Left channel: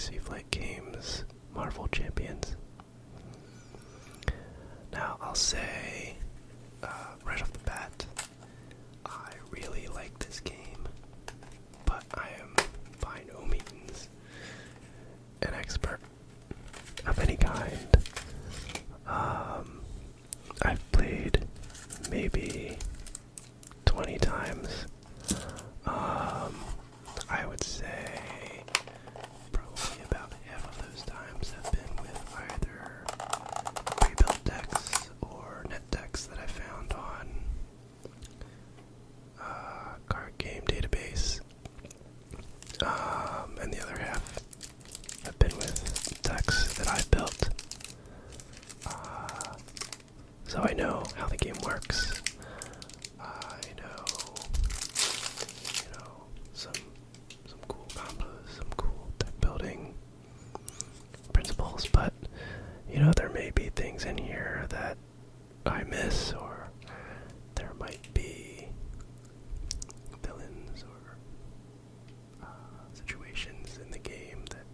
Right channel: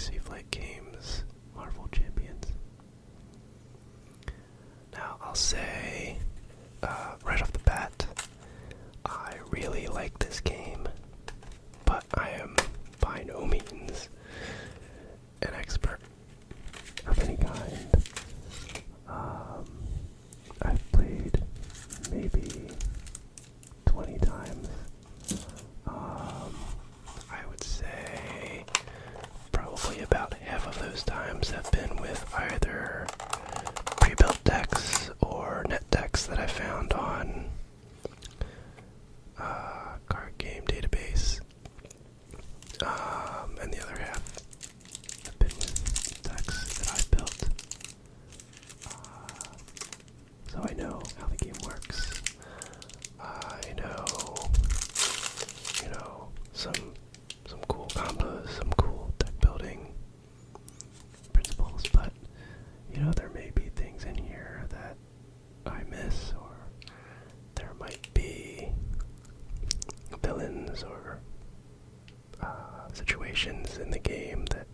Fantasy Flight Games Marvel Champions. Now, I'll say, right off the bat, I really like this game, but I am by no means an expert of any kind. I've played maybe 20 times. I would say probably about half of those times have been with either pre-built decks or net decks that I found on card game database, and the other half have been with decks that I built. So I know how the game works. I know, some cool combos, some cool deck building principles, but there may be things in here that I miss, or there might be villains or situations in the game that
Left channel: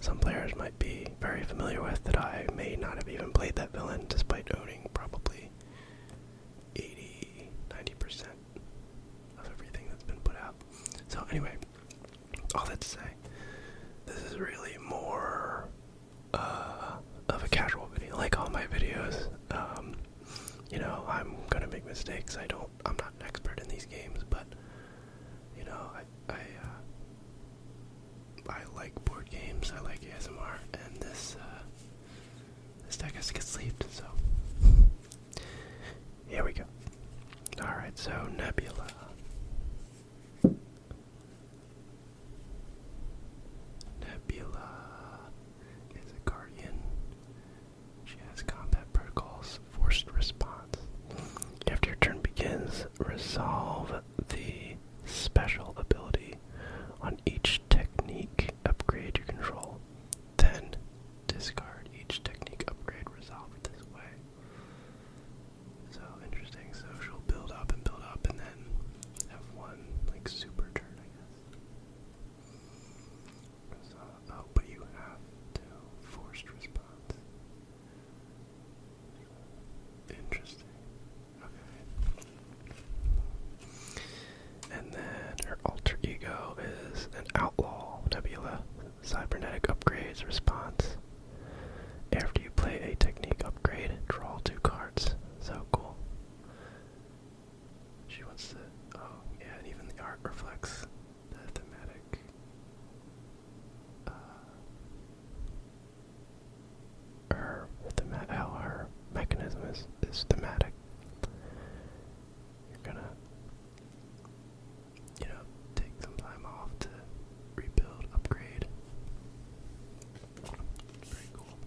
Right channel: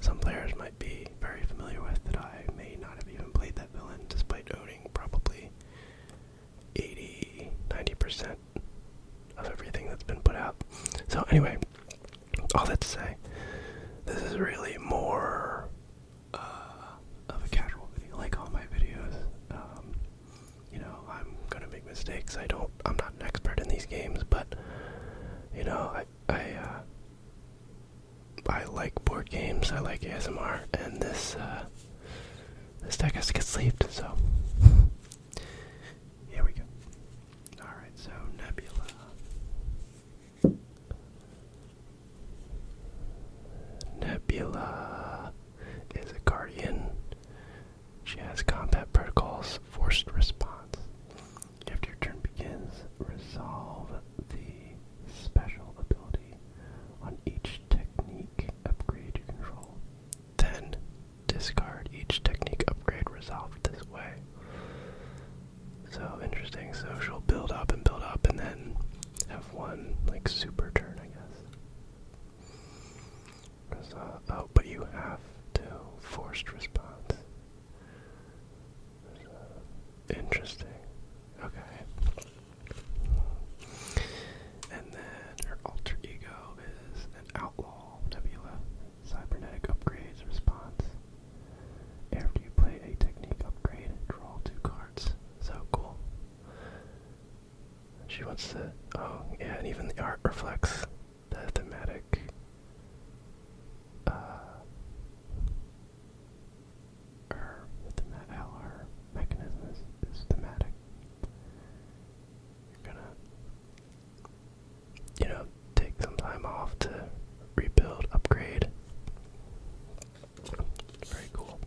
some players might be very familiar with that I may not have even played that villain, despite owning probably 80-90% of everything that's been put out. So anyway, all that to say, this is really more of a casual video, like all my videos. I'm gonna make mistakes. I'm not an expert in these games, but I like board games. I like ASMR, and this deck has to get sleeved. So here we go. All right, so Nebula. Nebula is a guardian. She has combat protocols, forced response. After your turn begins, resolve the special ability on each technique upgrade you control. Then discard each technique upgrade resolved this way. So interesting. So she'll build up and then have one super turn, I guess. But you have to forced response. Interesting. Okay. And then her alter ego is an outlaw. Nebula. Cybernetic upgrades response. After you play a technique upgrade, draw 2 cards. So cool. She wants to. Oh, yeah, and even the art reflects the thematic. How her mechanism is thematic. You're gonna, take some time off to rebuild, upgrade. Very cool.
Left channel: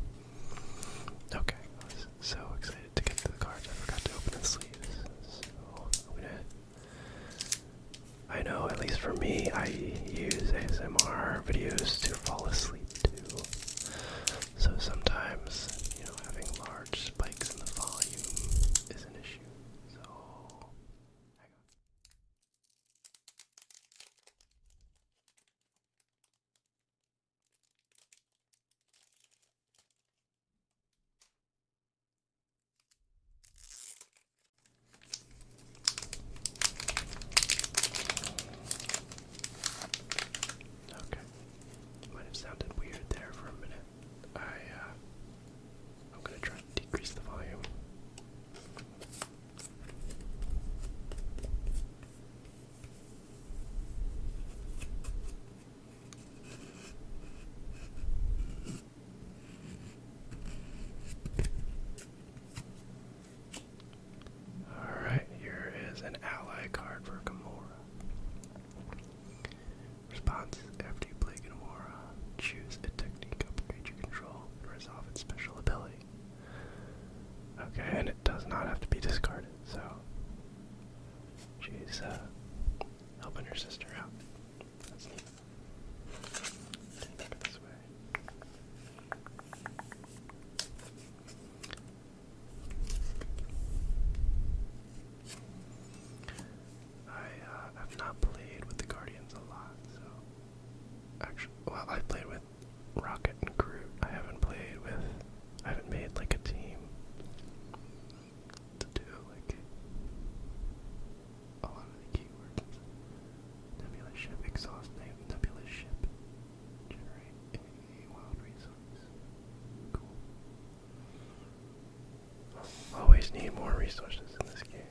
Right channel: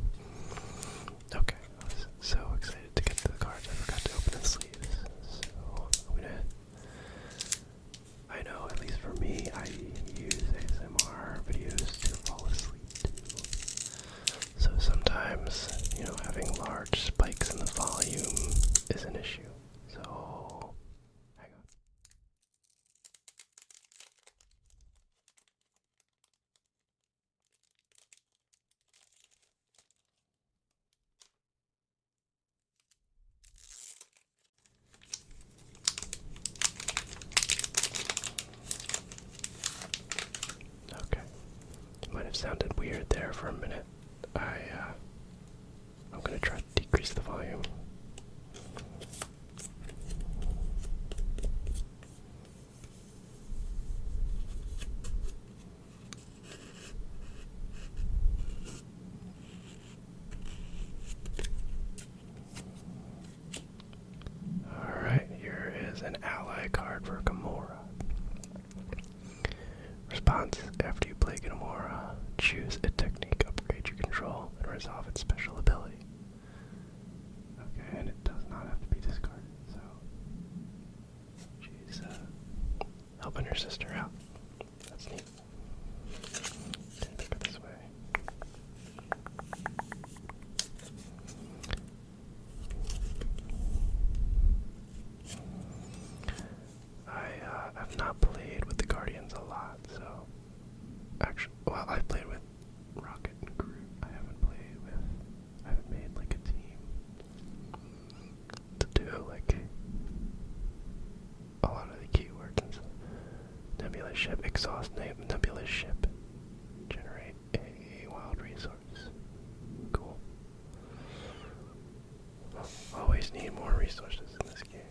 Okay, I was so excited to get to the cards, I forgot to open the sleeves. So I know, at least for me, I use ASMR videos to fall asleep too. So sometimes, having large spikes in the volume is an issue. So, hang on. Okay. It might have sounded weird there for a minute. I'm going to try to decrease the volume. Alright, here is an ally card for Gamora. Response: after you play Gamora, choose a technique upgrade you control and resolve its special ability. Okay, and it does not have to be discarded, so she's helping her sister out. That's neat. Look at this way. I've not played with the Guardians a lot, so actually, well, I've played with ship, exhaust Nebula's ship. Generate a wild resource. Cool. Always need more resources in this game.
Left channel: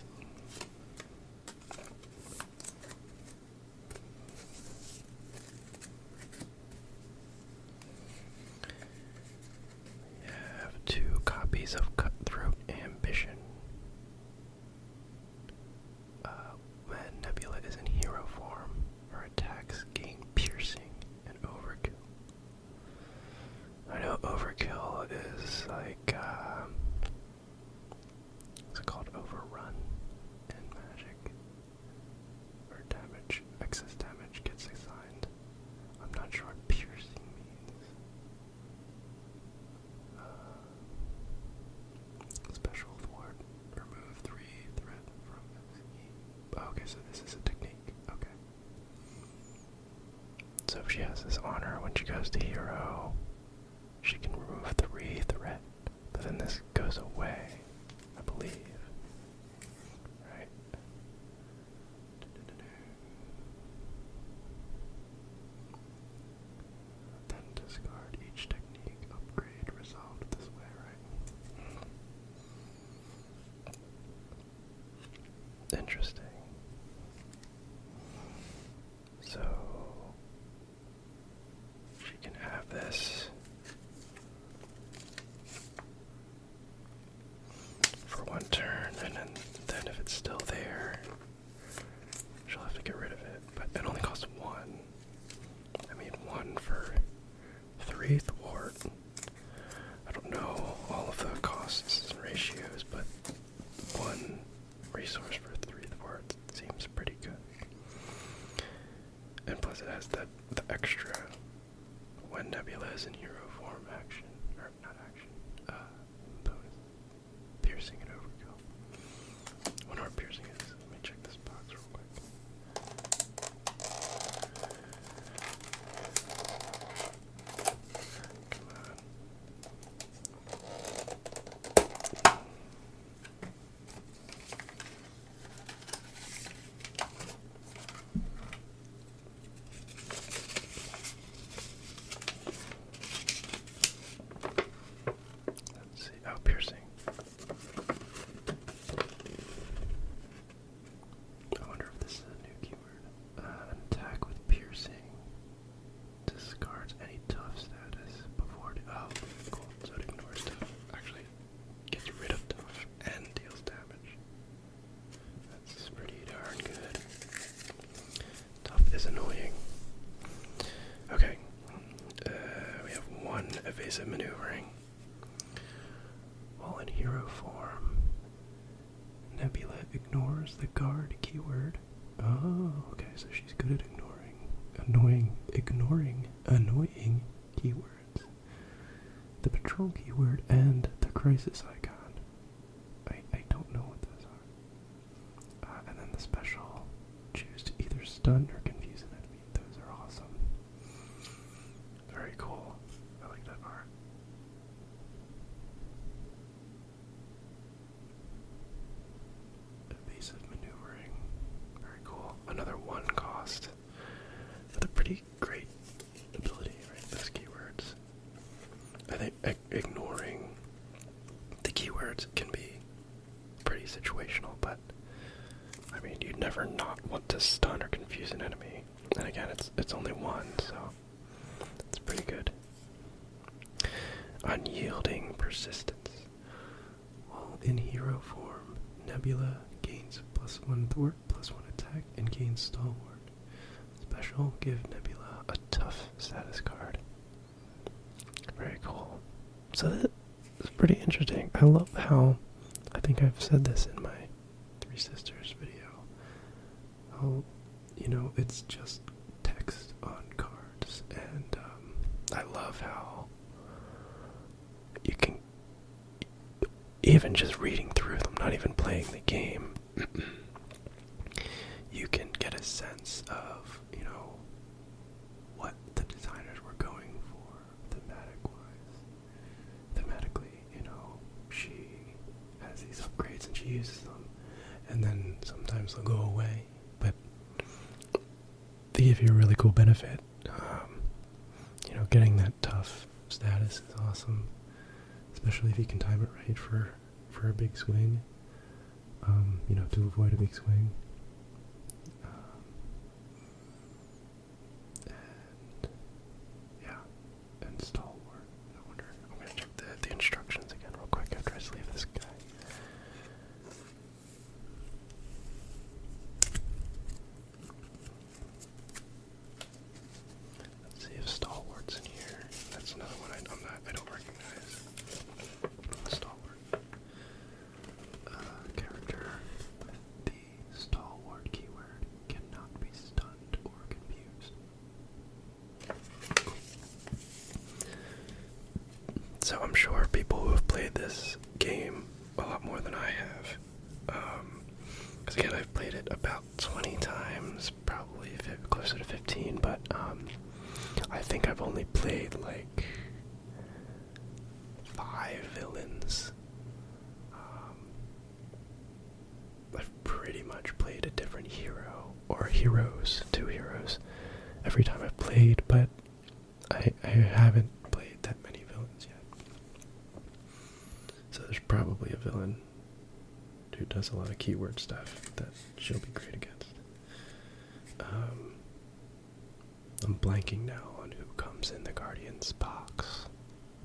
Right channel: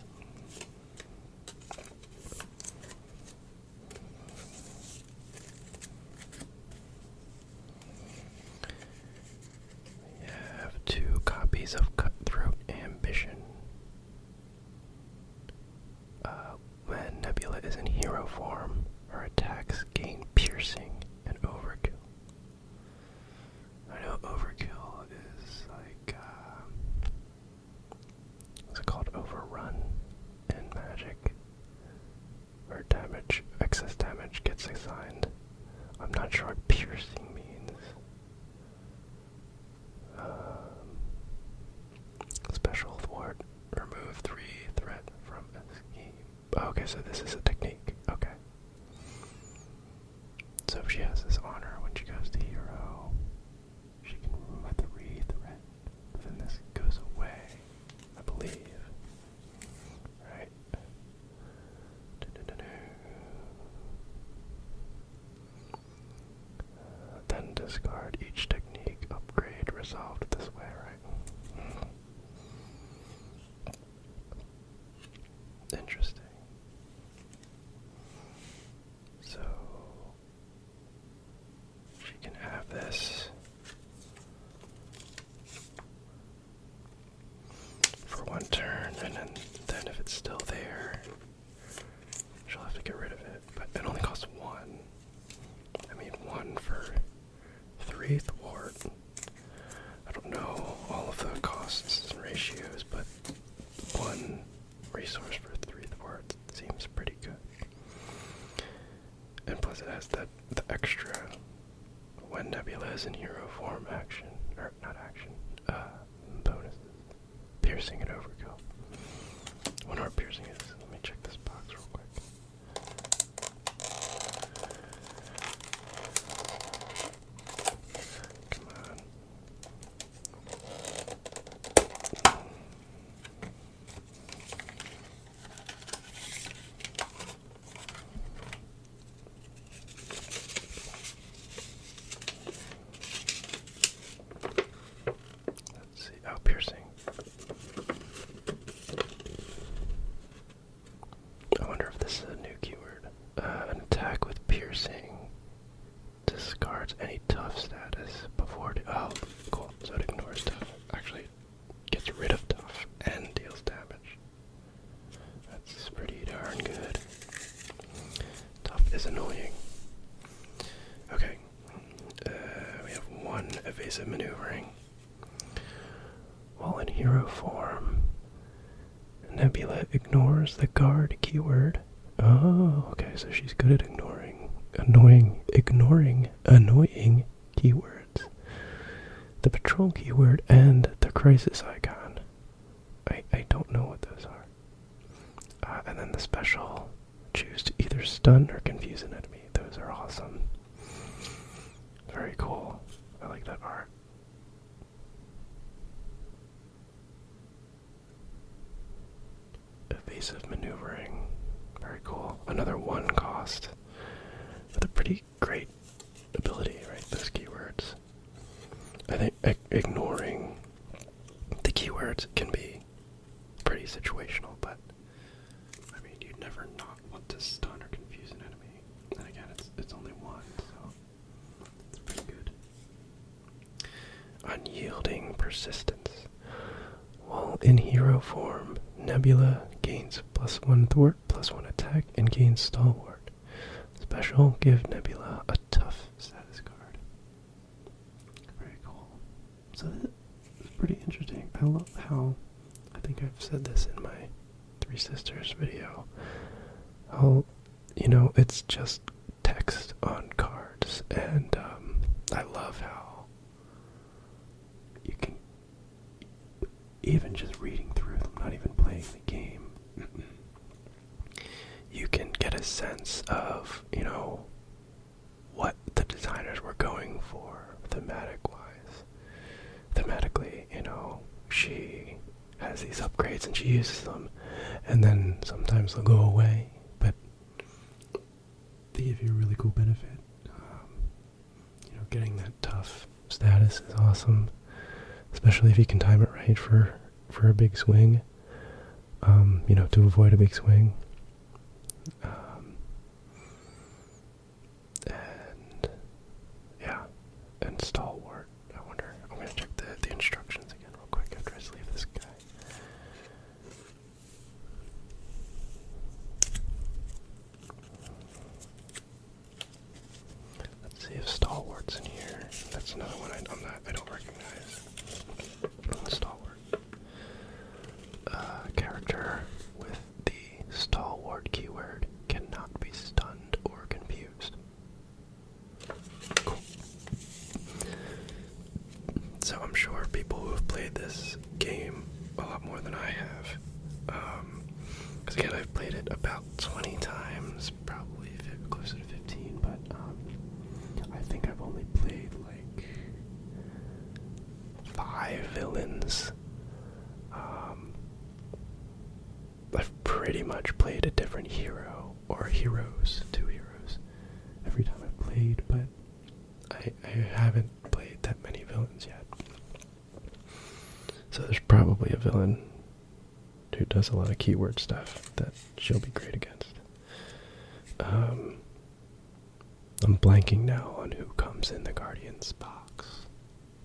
We have 2 copies of Cutthroat Ambition. When Nebula is in hero form, her attacks gain piercing and overkill. I know overkill is like, what's it called? Overrun in Magic. Or damage, excess damage gets assigned. I'm not sure what piercing means. Special thwart. Remove 3 threat from a scheme. Okay, so this is a technique. Okay. So if she has this honor when she goes to hero, she can remove 3 threat. But then this goes away, I believe. Right? Then discard each technique upgrade resolved this way, right? Interesting. So she can have this for 1 turn, and then if it's still there, she'll have to get rid of it. But it only costs 1. I mean, 1 for 3 thwart. I don't know all of the costs and ratios, but 1 resource for 3 thwart seems pretty good. And plus it has the extra when Nebula is in hero form action, or not action, bonuses. Piercing and overkill. I wonder what piercing is. Let me check this box real quick. Come on. Let's see. Oh, piercing. I wonder if this is a new keyword. An attack with piercing discards any tough status before. Oh, cool. So it ignores tough. Actually, gets rid of tough and deals damage. That's pretty darn good. Tough is annoying. Okay. We have 1 evasive maneuvering. While in hero form, Nebula ignores the guard keyword. Oh, okay, so she's good at ignoring keywords. The patrol keyword and the crisis icon. I don't know what those are. And then the special, choose to either stun or confuse an enemy. Those are awesome. Very cool. I like that art. Evasive maneuvering. Very cool. Another 1 cost. With a pretty great ability, right? Those keywords. I think ignoring the keywords can be pretty situational, but I mean, you'd never not want to stun or confuse an enemy. And again, it's only 1, so it's pretty good. Unyielding persistence. While in hero form, Nebula gains +1 thwart, +1 attack, and gains stalwart. Special, give Nebula a tough status card. Very cool. So this is pretty interesting. I love how, I think I've said this in my 3 Sisters video, how, it's just text on cards, and I love how you can, even just reading through them, not even playing the game, you can get a sense of, what the designers were going for thematically, she has these upgrades and she uses them, and then sometimes they'll go away, but give you a really cool benefit. Getting that tough status is awesome, especially if you can time it right for a big swing. To avoid a big swing. And yeah, and stalwart. I'm gonna check the instructions again real quick after I sleeve this guy. Let's see if stalwart's in here. That's another one I don't recognize. Stalwart. Character with the stalwart keyword cannot be stunned or confused. Cool. So I'm sure people who have played this game a lot more than I have, because again I've played it about 20 times, probably closer to 15, but I think I've only played like 5 villains. I've pretty much played a different hero, or heroes, 2 heroes, every time I've played, but I haven't played that many villains yet. So there's probably a villain who does a lot of keyword stuff that she'll be great against. I'm blanking now on who comes in the Guardian's box,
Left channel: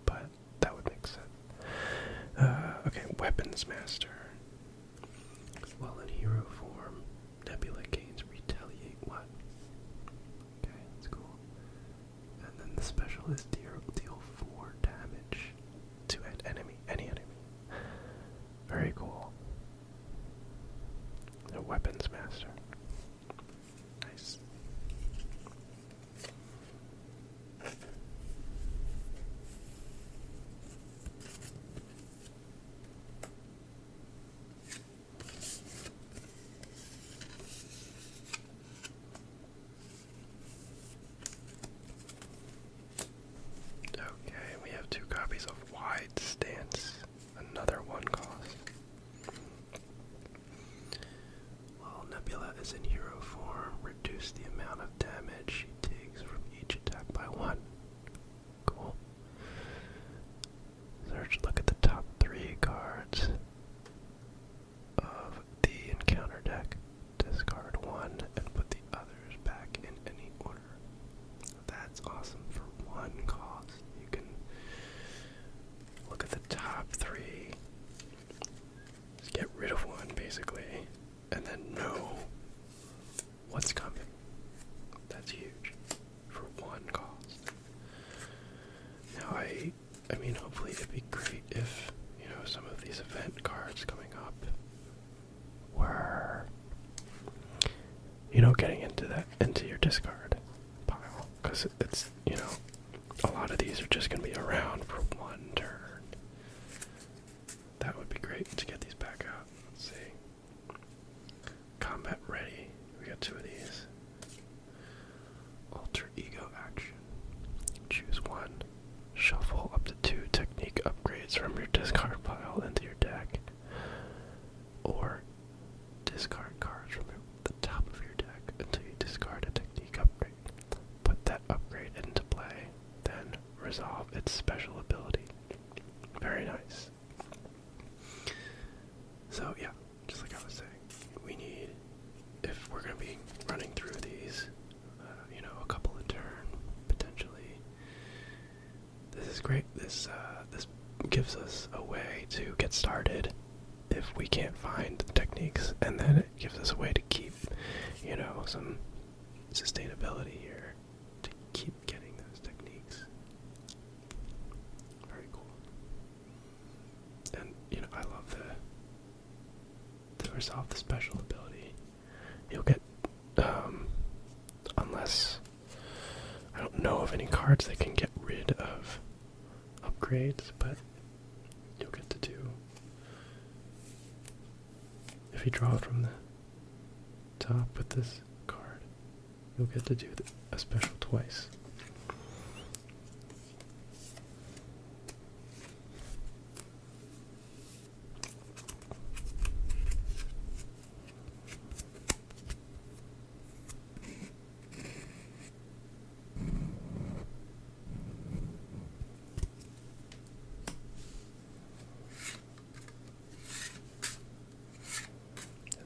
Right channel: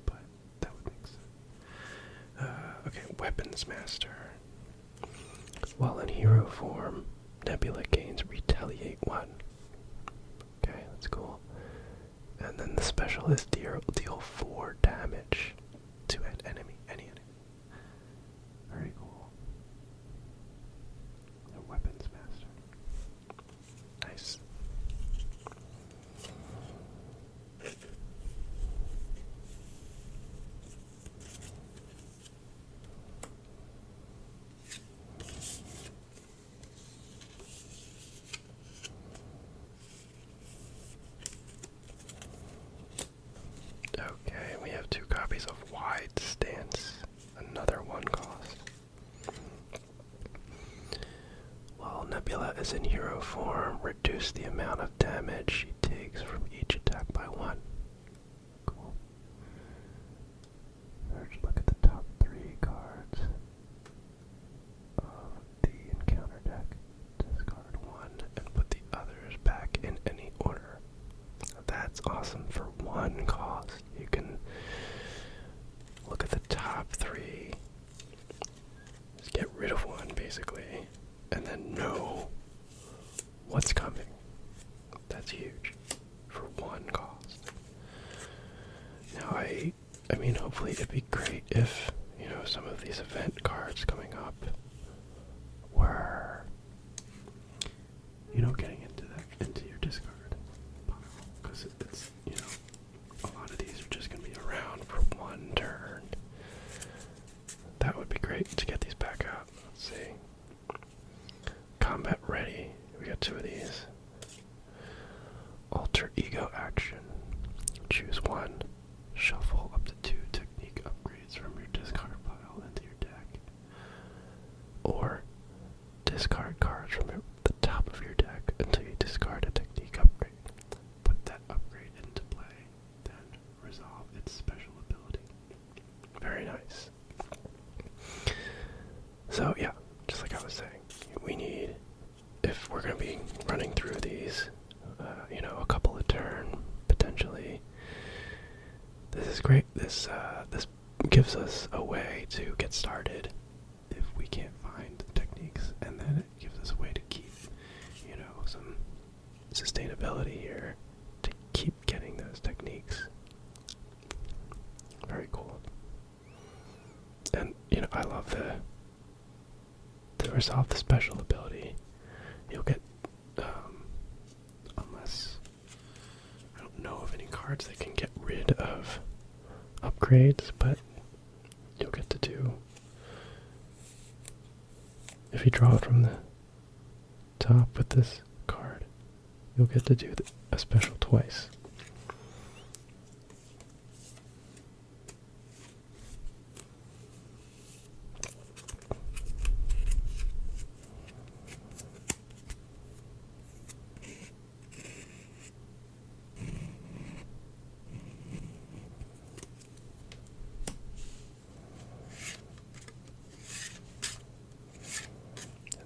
but that would make sense. Okay, Weapons Master. While in hero form, Nebula gains Retaliate 1. Okay, that's cool. And then the specialist deal 4 damage to any enemy. Very cool. A Weapons Master. Nice. Okay, we have 2 copies of Wide Stance, another 1 cost. While Nebula is in hero form, reduce the amount of damage she takes from each attack by 1. Cool. Look at the top 3 cards of the encounter deck. Discard 1 and put the others back in any order. That's awesome. For 1 cost, you can look at the top 3, just get rid of 1 basically, and then know what's coming. That's huge for 1 cost. Now I mean, hopefully it'd be great if, some of these event cards coming up were, getting into your discard pile, because it's, a lot of these are just going to be around for 1 turn. That would be great to get these back out. Let's see. Combat ready. We got 2 of these. Alter ego action. Choose 1. Shuffle up to 2 technique upgrades from your discard pile into your deck. Or discard cards from the top of your deck until you discard a technique upgrade. Put that upgrade into play, then resolve its special ability. Very nice. So yeah, just like I was saying, we need, if we're going to be running through these, a couple a turn, potentially, this is great. This gives us a way to get started if we can't find techniques, and then it gives us a way to keep, some sustainability here, to keep getting those techniques. Very cool. And, I love to resolve the special ability. You'll get, unless, I don't know of any cards that can get rid of upgrades, but you'll get to do, if you draw it from the top with this card, you'll get to do a special twice.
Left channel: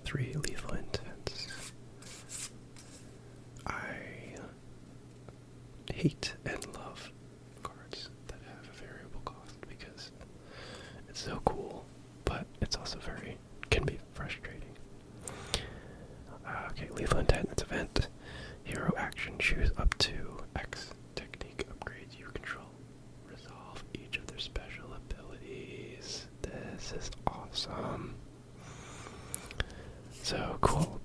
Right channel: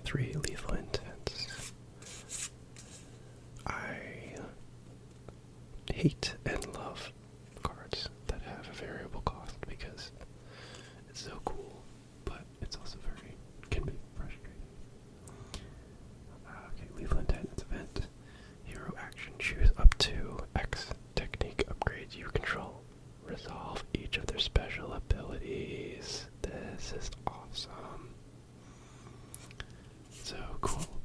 3 lethal intents. I hate and love cards that have a variable cost because it's so cool, but it's also can be frustrating. Okay, lethal intent, it's event. Hero action, choose up to X technique upgrades you control. Resolve each of their special abilities. This is awesome. So cool.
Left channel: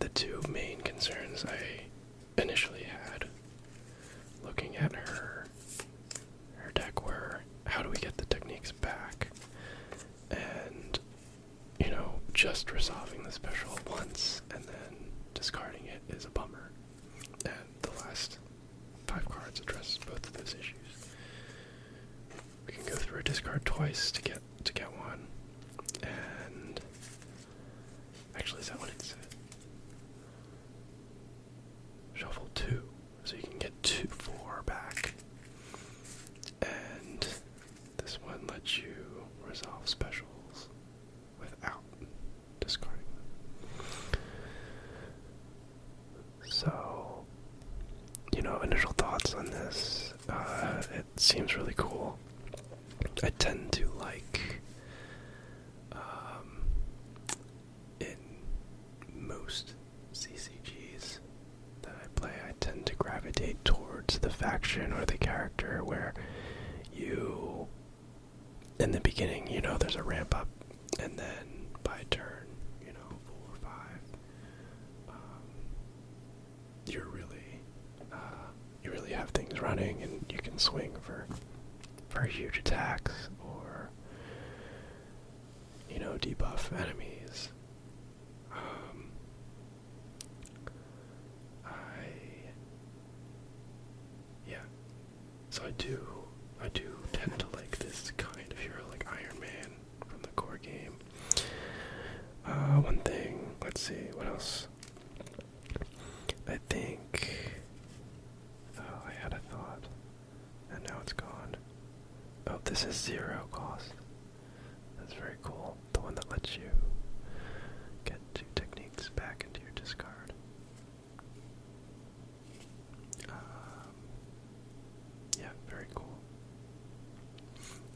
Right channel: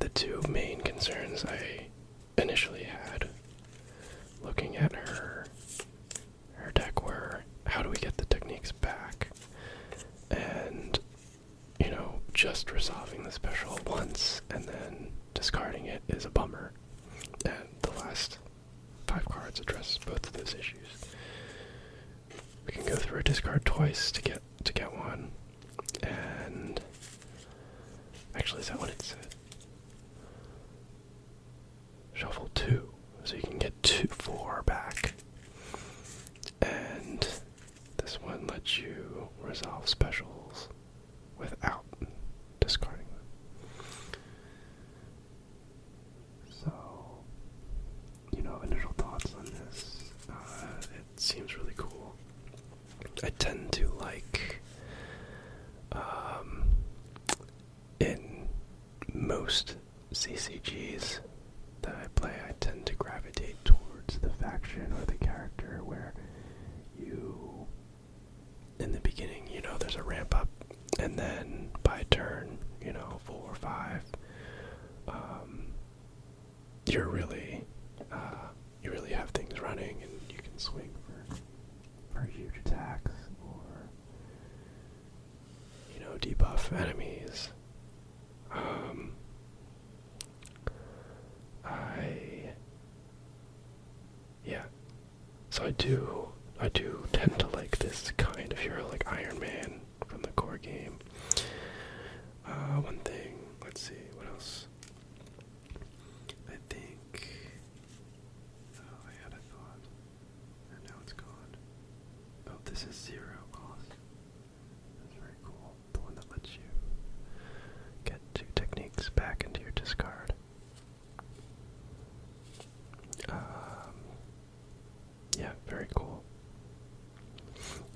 The two main concerns I initially had looking at her deck were, how do we get the techniques back? And, just resolving the special once and then discarding it is a bummer. And the last 5 cards address both of those issues. We can go through a discard twice to get one. And actually, is that what it said? Shuffle 2, so you can get 4 back. And this one lets you resolve specials without discarding them. So, initial thoughts on this. It seems really cool. I tend to like, in most CCGs that I play, I tend to gravitate towards the faction or the character where in the beginning, there's a ramp up, and then by turn, 4 or 5, you really have things running, and you can swing for huge attacks, or, debuff enemies. So I do tend to like this kind of hero, like Iron Man from the core game. One thing, let's see, what else? I think, I had a thought, and now it's gone. Oh, this is 0 cost. That's very cool. The one that lets you get 2 techniques back into your discard. Yeah, very cool.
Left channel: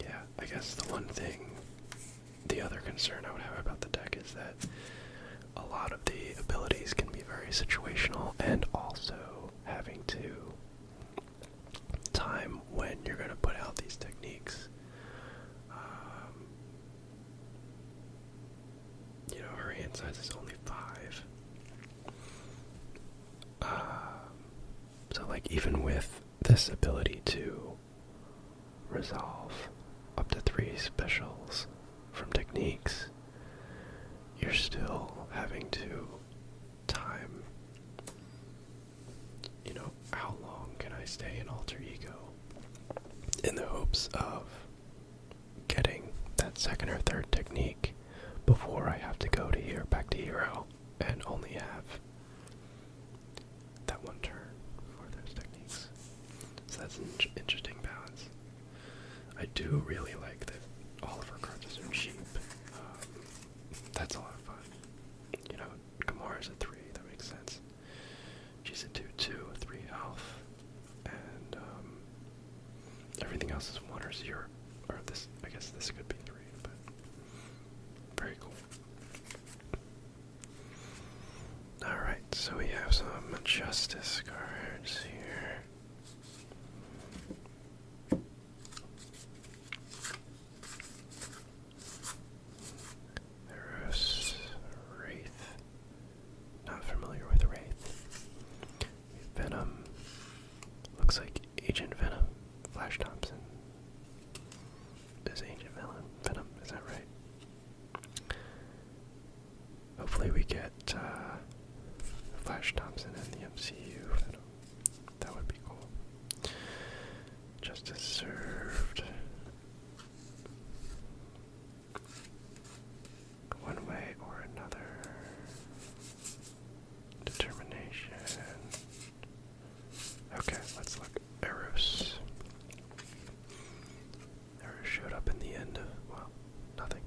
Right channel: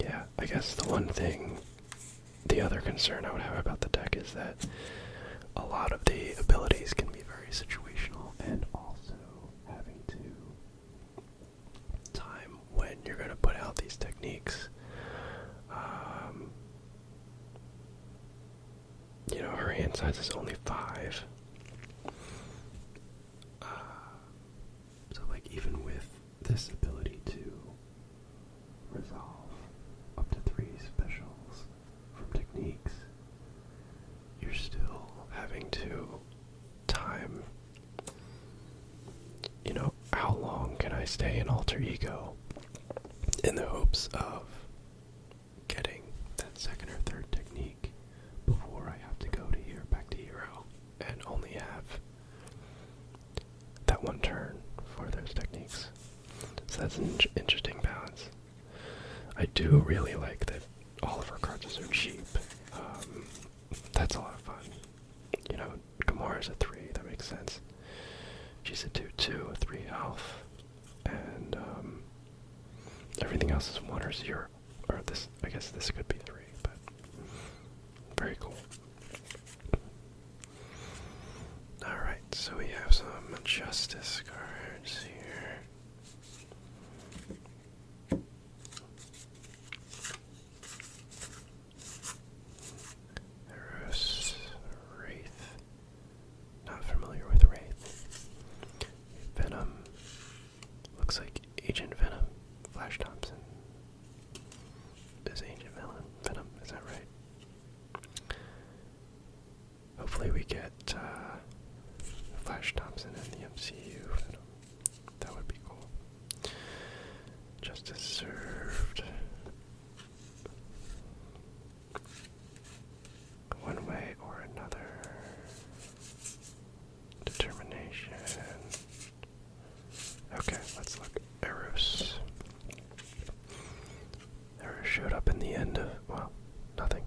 Yeah, I guess the other concern I would have about the deck is that a lot of the abilities can be very situational, and also having to time when you're going to put out these techniques. Her hand size is only 5. So even with this ability to resolve up to 3 specials from techniques, you're still having to time, how long can I stay in alter ego in the hopes of getting that second or third technique before I have to go to back to hero and only have that one turn for those techniques. So that's an interesting balance. I do really like that all of her cards are so cheap. That's a lot of fun. Gamara's a 3, that makes sense. She's a 2/2, a 3 health, and everything else is 1 or 0. Or this, I guess this could be 3, but very cool. Alright, so we have some Justice cards here. Eros, Wraith. Not familiar with Wraith. Venom. Looks like Agent Venom. Flash Thompson is Agent Venom, is that right? Hopefully we get Flash Thompson in the MCU Venom. That would be cool. Justice served. One way or another. Determination. Okay, let's look. Eros. Eros showed up in the end of, well, nothing.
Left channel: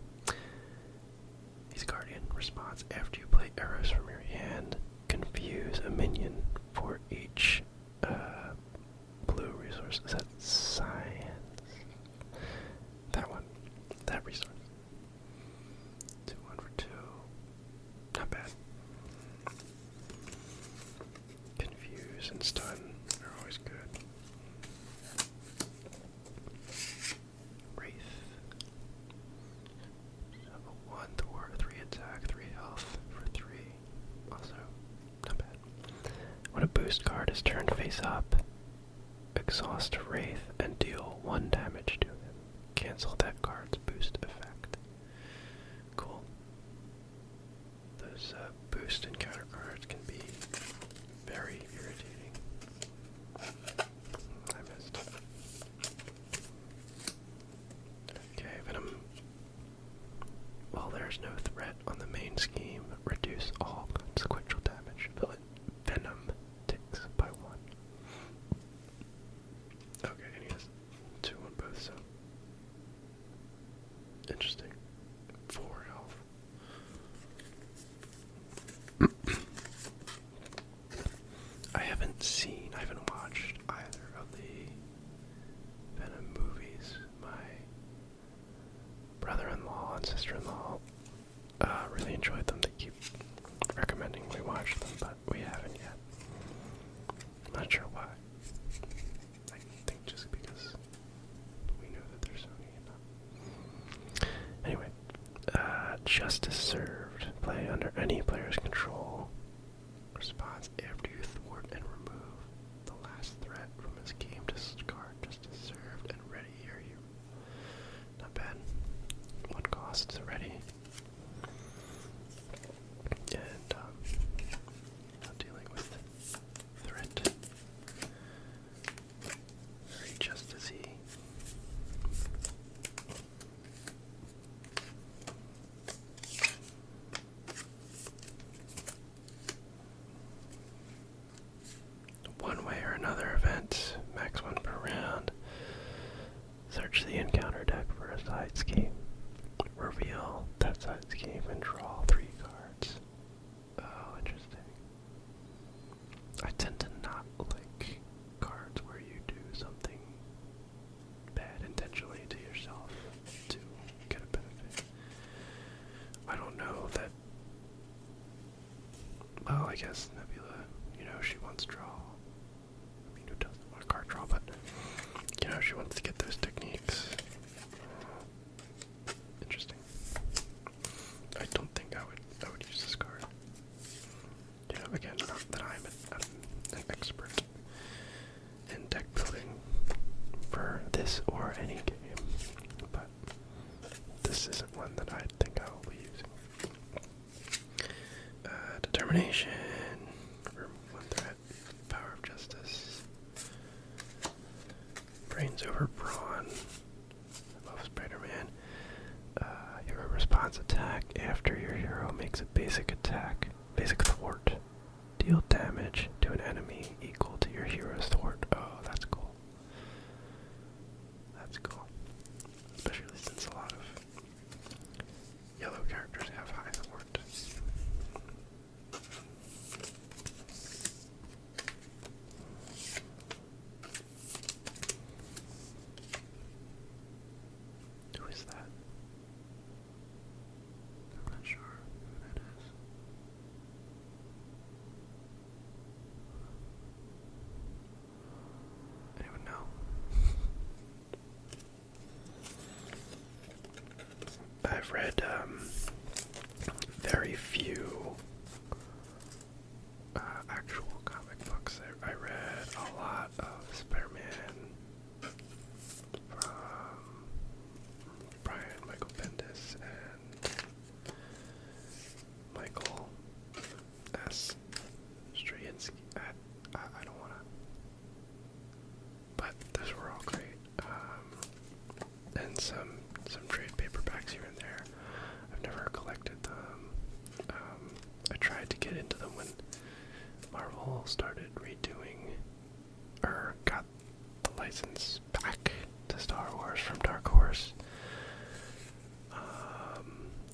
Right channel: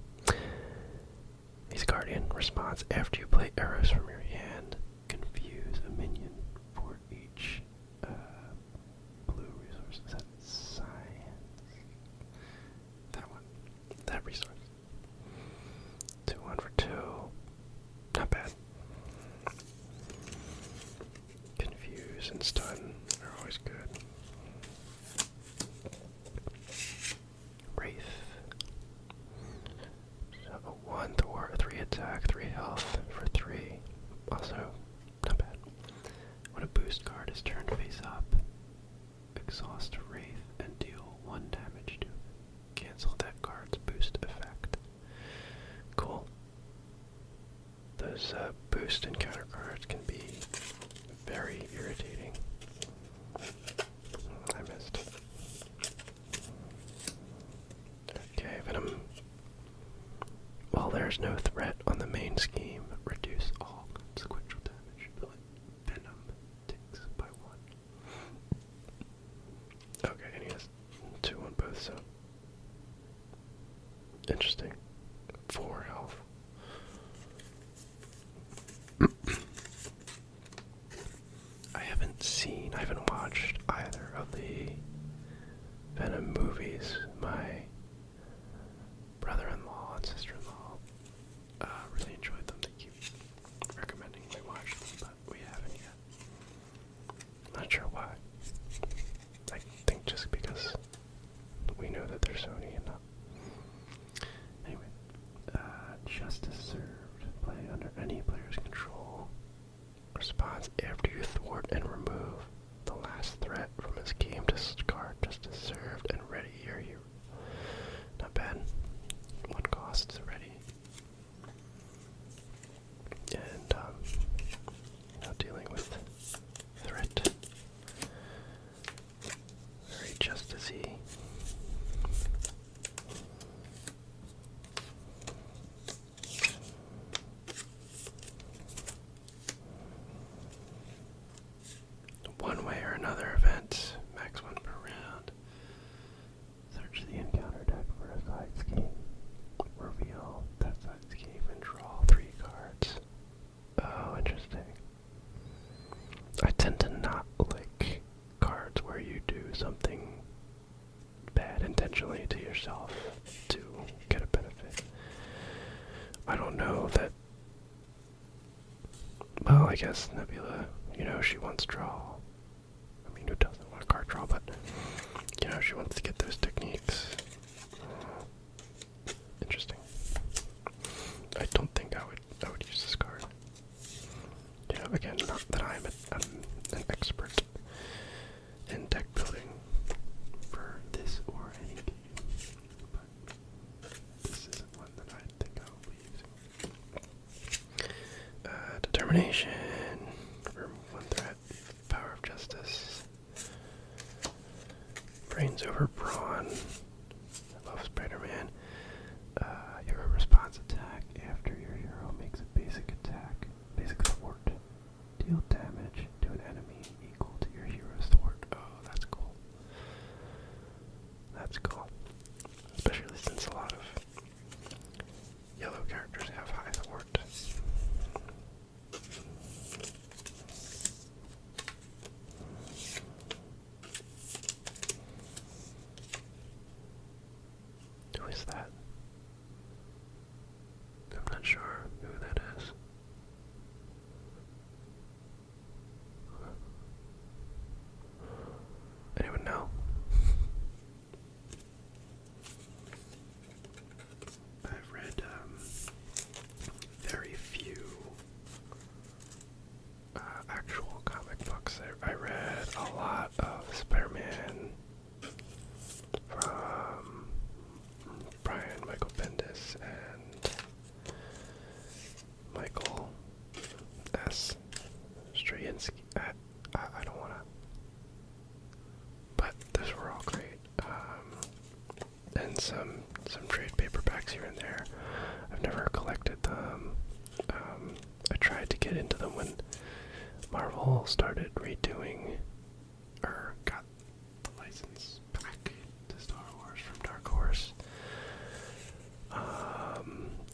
These cards Confuse and Stun are always good. Wraith. So a 1 thwart, 3 attack, 3 health for 3. Also, not bad. When a boost card is turned face up, exhaust Wraith and deal 1 damage to it. Cancel that card's boost effect. Cool. Those boost and counter cards can be very irritating. I missed. Okay, Venom. While there's no threat on the main scheme, reduce all consequential damage. Venom takes by 1. Okay, and he has 2 on both, so. Interesting. 4 health. I haven't watched either of the Venom movies. My brother-in-law and sister-in-law really enjoyed them. They keep recommending we watch them, but we haven't yet. I'm not sure why. I think just because we know that they're Sony and not. Anyway, Justice Served. Play under any player's control. Response after you thwart and remove the last threat from his game. Discard Justice Served and ready your hero. Not bad. 1 cost ready. And now dealing with threat. Very justice-y. One way or another event, max 1 per round. Search the encounter deck for a side scheme. Reveal that side scheme and draw 3 cards. Oh, interesting. I tend to not like cards where you do something bad intentionally to yourself to get a benefit. I don't know that. Well, I guess Nebula, she wants draw. I mean, who doesn't want a card draw, but, she wants to get those techniques. Interesting. I don't think I would use this card. Again, not that I'm an expert in deck building for this or any game, but this isn't one that I think I will be using. Determination. Remove 1 threat. Power of Justice. Brains over Brawn. Above Spider-Man. Hero response attack after your hero makes a basic attack. Basic thwart. Deal damage to an enemy equal to your hero's thwart. Oh, that's cool. That's cool. Especially since a lot of yellow characters have high thwart. Who is that? I'm not sure who that is. Anyone know? I've read very few actual comic books. I read a lot of Spider-Man from Michael Bendis and Michael S. Straczynski. I don't want to, but those were all great. And some trade paperbacks here and there. I've never collected them. I tried to get into them when Marvel started redoing, or got the license back to Star Wars from Dark Horse.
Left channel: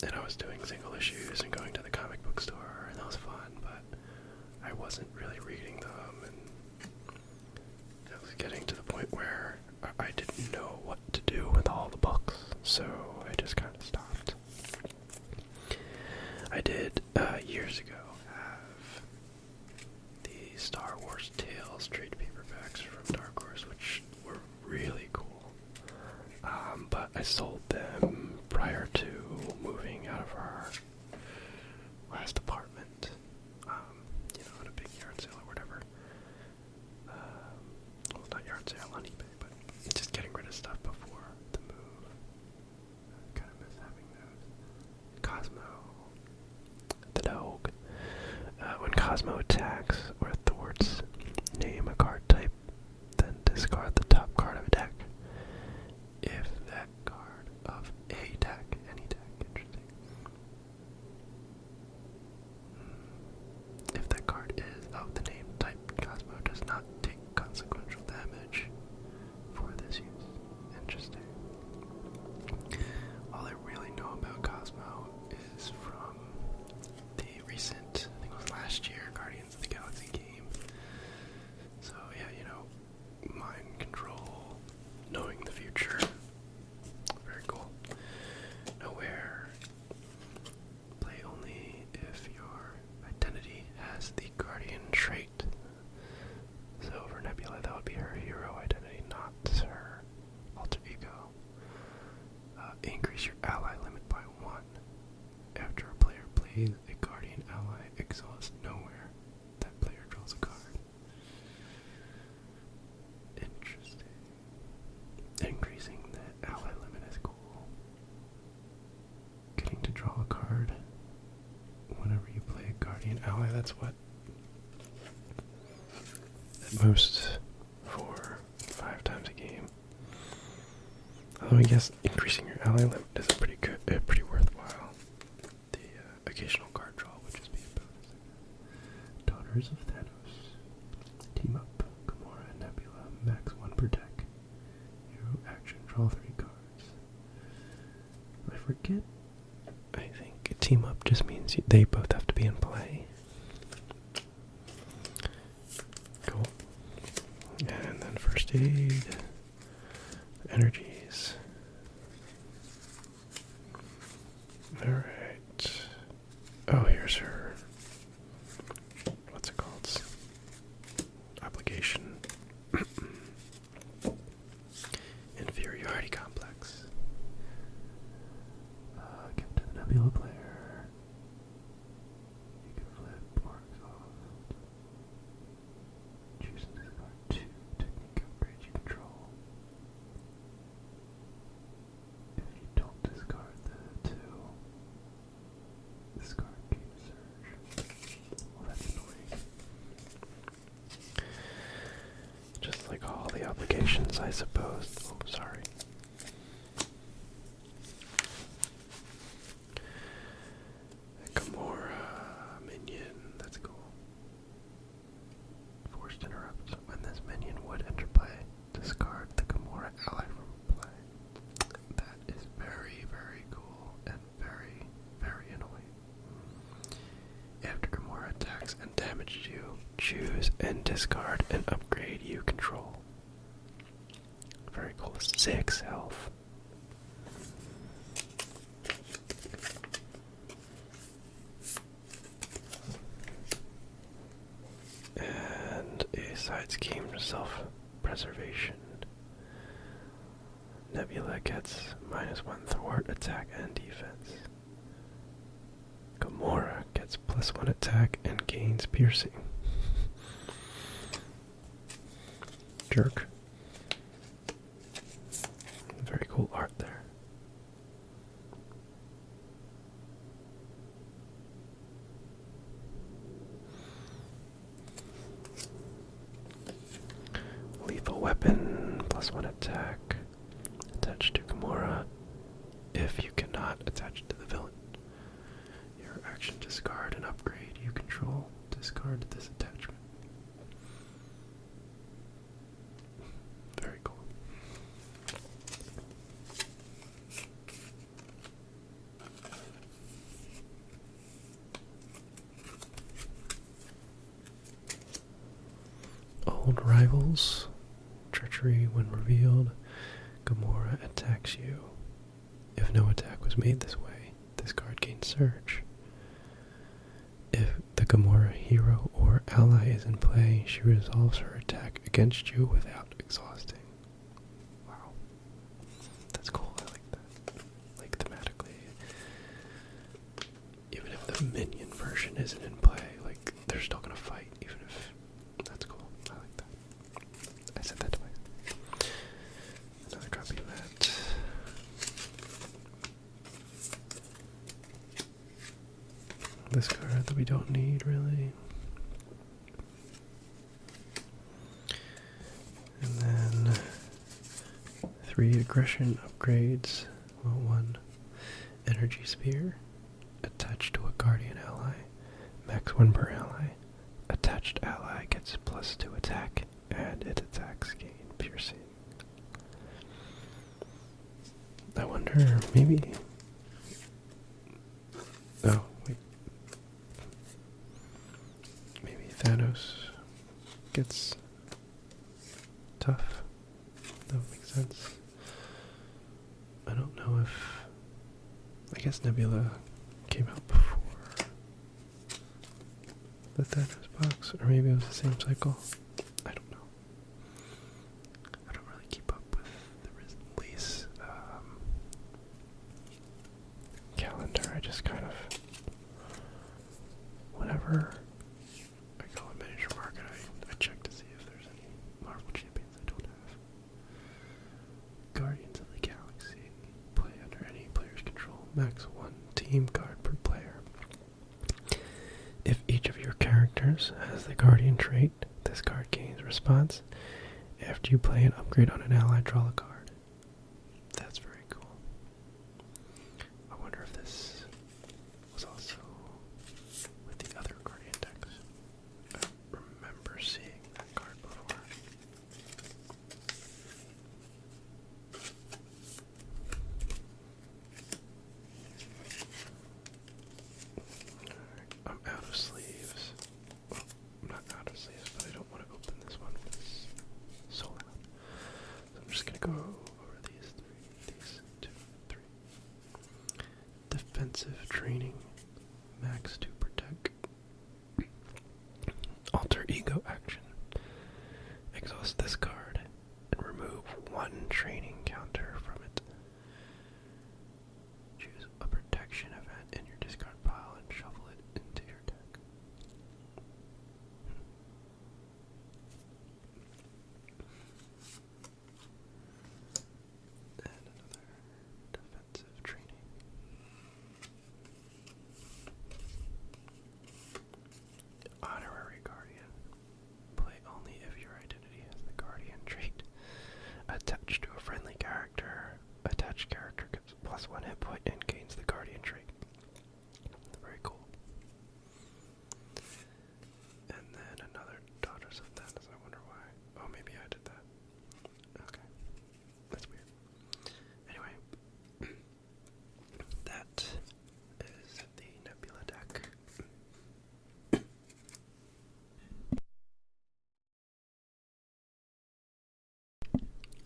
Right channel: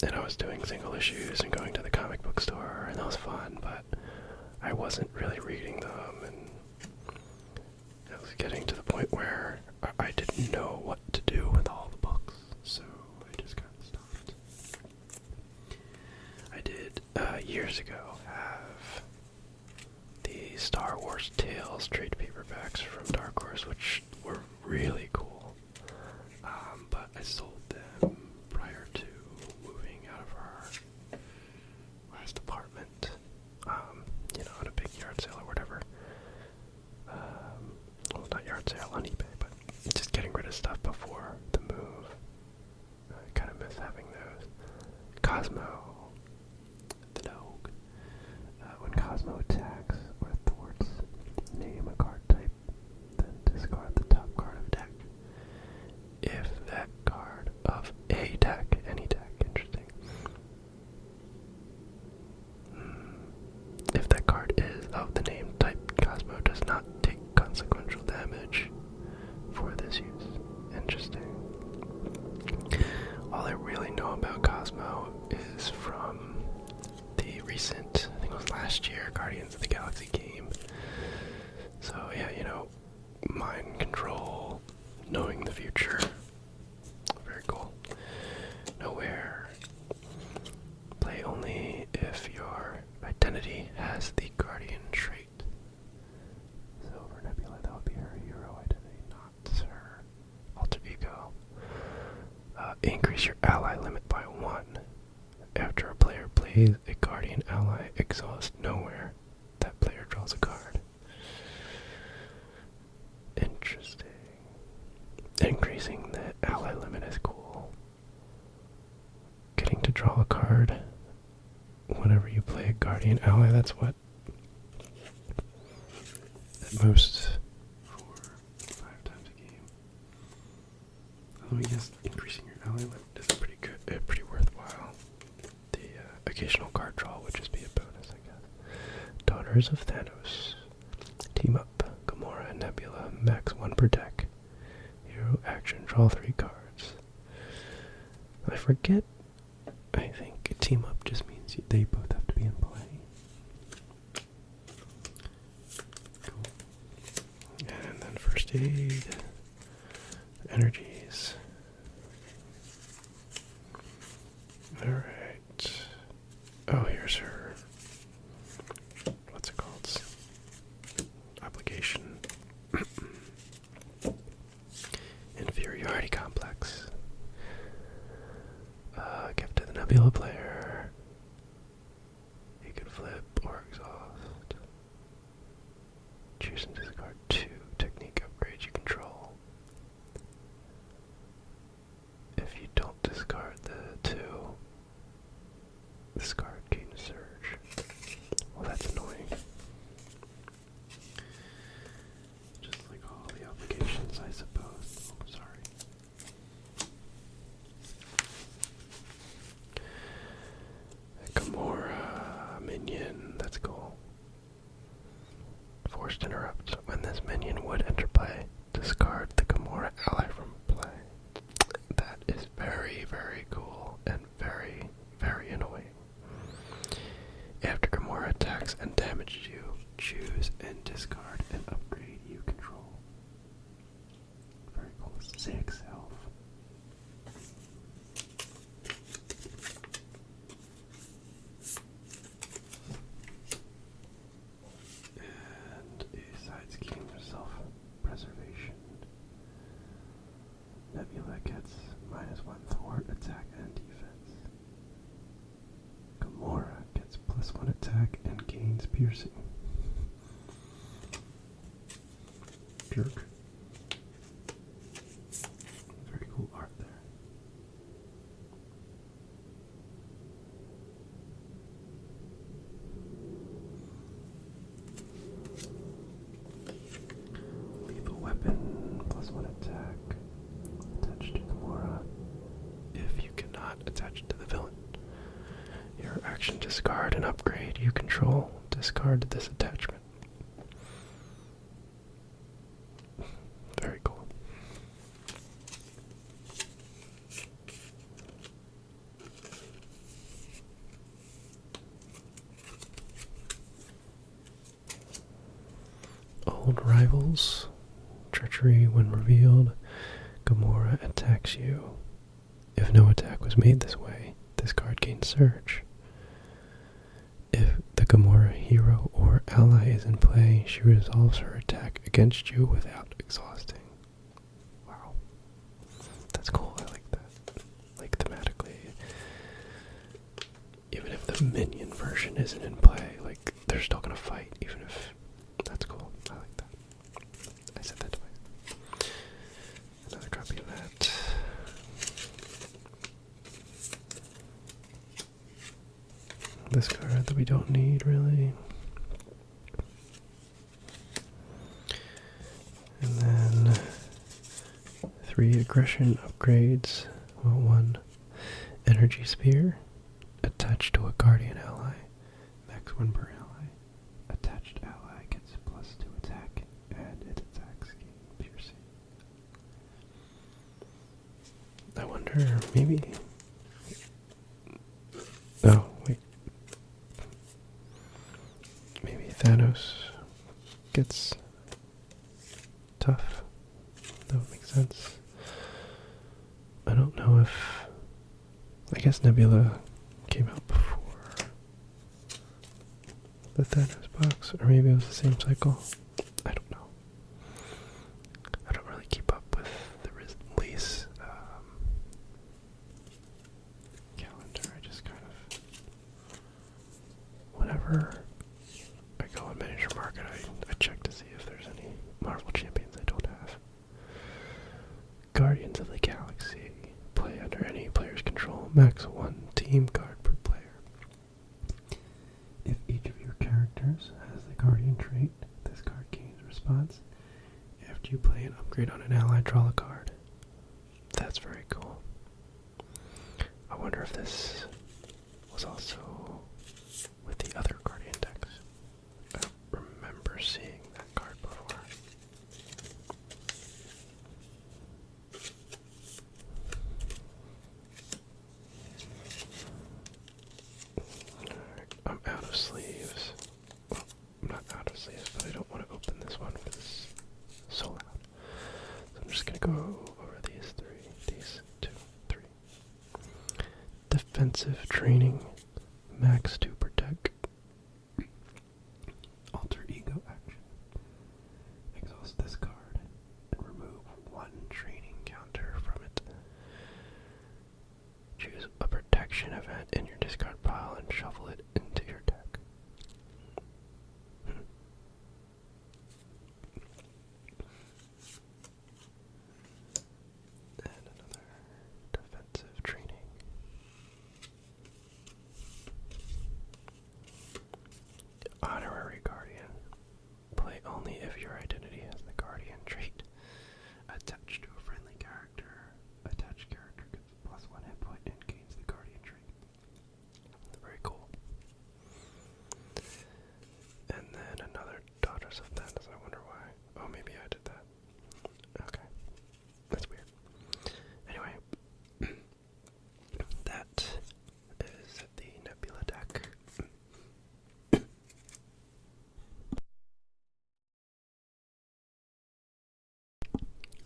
And I was doing single issues and going to the comic book store, and that was fun, but I wasn't really reading them, and I was getting to the point where I didn't know what to do with all the books, so I just kind of stopped. I did, years ago, have the Star Wars Force Tales trade paperbacks from Dark Horse, which were really cool. But I sold them prior to moving out of our last apartment. At a big yard sale or whatever. Well, not yard sale, on eBay, but just getting rid of stuff before the move. I kind of miss having those. Cosmo, the dog. When Cosmo attacks or thwarts, name a card type, then discard the top card of a deck. If that card of a deck, any deck, interesting. If that card is of the name type, Cosmo does not take consequential damage for this use. Interesting. All I really know about Cosmo is from the recent, I think it was last year, Guardians of the Galaxy game. So yeah, mind control, knowing the future. Very cool. Nowhere. Play only if your identity has the Guardian trait. So for Nebula, that would be her hero identity, not her alter ego. Increase your ally limit by 1. After a player plays a Guardian ally, exhaust nowhere. That player draws a card. Interesting. Increasing the ally limit is cool. Getting to draw a card whenever you play a Guardian ally, that's what? At most 4, 5 times a game. Although I guess increasing your ally limit is pretty worthwhile. The occasional card draw would just be a bonus, I guess. Daughters of Thanos. Team up. Gamora and Nebula. Max 1 per deck. Hero action. Draw 3 cards. I forget. I think team up just means they both have to be in play. Cool. And then first aid. Energies. Alright. Oh, here's her. What's it called? Obligation. Inferiority complex. Give to the Nebula player. You can flip or exhaust. Choose and discard 2 technique upgrades you control. If you don't discard the 2, this card gains surge. Well, that's annoying. Just like all the obligations, I suppose. Oh, sorry. Gamora minion, that's cool. Forced interrupt. When this minion would enter play, discard the Gamora ally from play. That is very, very cool and very, very annoying. After Gamora attacks and damages you, choose and discard an upgrade you control. Very cool. 6 health. And a side scheme for self-preservation. Nebula gets -1 thwart, attack, and defense. Gamora gets +1 attack and gains piercing. Jerk. Very cool art there. Lethal weapon, +1 attack. Attached to Gamora. If you cannot attach it to the villain. Your action discard an upgrade you control. Discard this attachment. Very cool. Old rivals. Treachery when revealed. Gamora attacks you. If no attack was made this way, this card gains surge. If the Gamora hero or ally is in play, she resolves her attack against you without exhausting. Wow. That's cool, I like that. Like, thematically. Even if the minion version isn't in play, like, they're still gonna fight, even if... That's cool, I like that. I said that twice. Another copy of that. This card that we don't need, really. And then 3 aggression upgrades. Well, 1 energy spear attached to a guardian ally. Max 1 per ally. Attached ally gets +2 attack, and its attacks gain piercing. I wonder, maybe... Oh, wait. Maybe Thanos gets tough. That would make sense. I don't know if... I guess Nebula came out before the Thanos box, or maybe it was the same cycle. I don't know. I don't really keep up with the release calendar. I just kind of... Whenever I go on Miniature Market, I check to see if there's any Marvel Champions I don't have. Guardians of the Galaxy. Play under any player's control. Max 1 team card per player. If each of your characters has the Guardian trait, this card gains response. After you play an upgrade on an ally, draw a card. That's very cool. I wonder if this was also with the other Guardian decks. I don't remember seeing that card before. Alright, I'm out of sleeves. Well, I'm not out of sleeves, but I don't want to open this one because it's so loud. So I'm just going to go over these 2, 3. Defensive training, max 2 protect. Alter ego action. Exhaust this card and remove 1 training counter from it. Choose a protection event in your discard pile and shuffle it into your deck. And another defensive training. Honorary Guardian. Play only if your identity has the Guardian trait attached to a friendly character. Attached character gets +1 hit point and gains the Guardian trait. Very cool. And then another Daughters of Thanos. I wonder why. Oh, maybe I did that. Okay. That's weird. Anyway, that is the Nebula deck.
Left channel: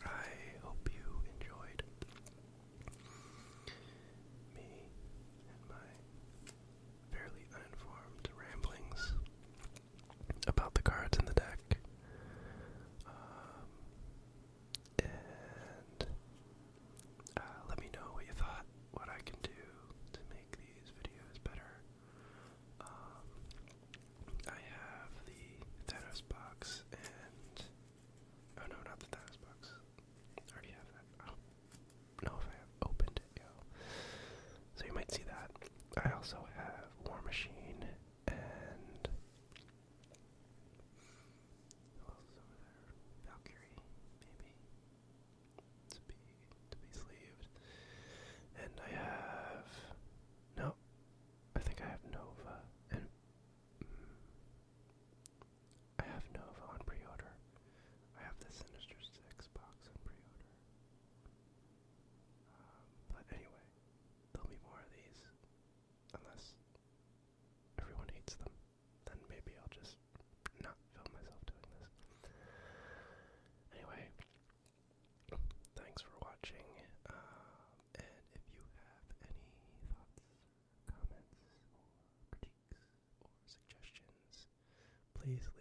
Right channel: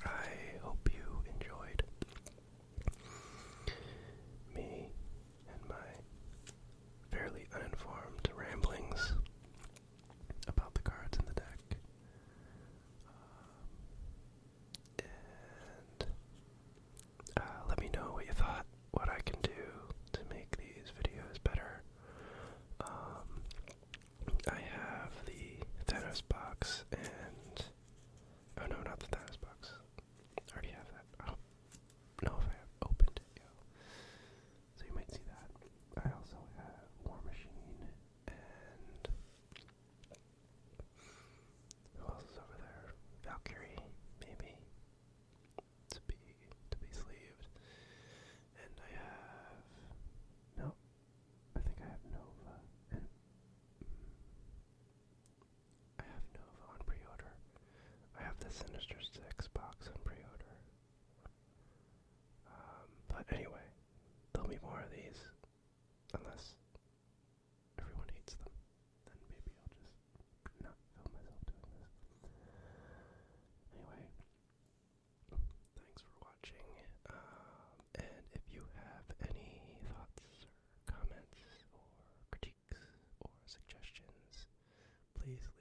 I hope you enjoyed me and my fairly uninformed ramblings about the cards in the deck. And let me know what you thought, what I can do to make these videos better. I have the Thanos box and... Oh no, not the Thanos box. I already have that. I don't know if I have opened it yet. So you might see that. I also have War Machine and... Who else is over there? Valkyrie, maybe. To be sleeved. And I have... No. I think I have Nova. And... I have Nova on pre-order. I have the Sinister 6 box on pre-order. But anyway, there'll be more of these. Unless everyone hates them. Then maybe I'll just not film myself doing this. Anyway, thanks for watching. And if you have any thoughts, or comments, or critiques, or suggestions, please Please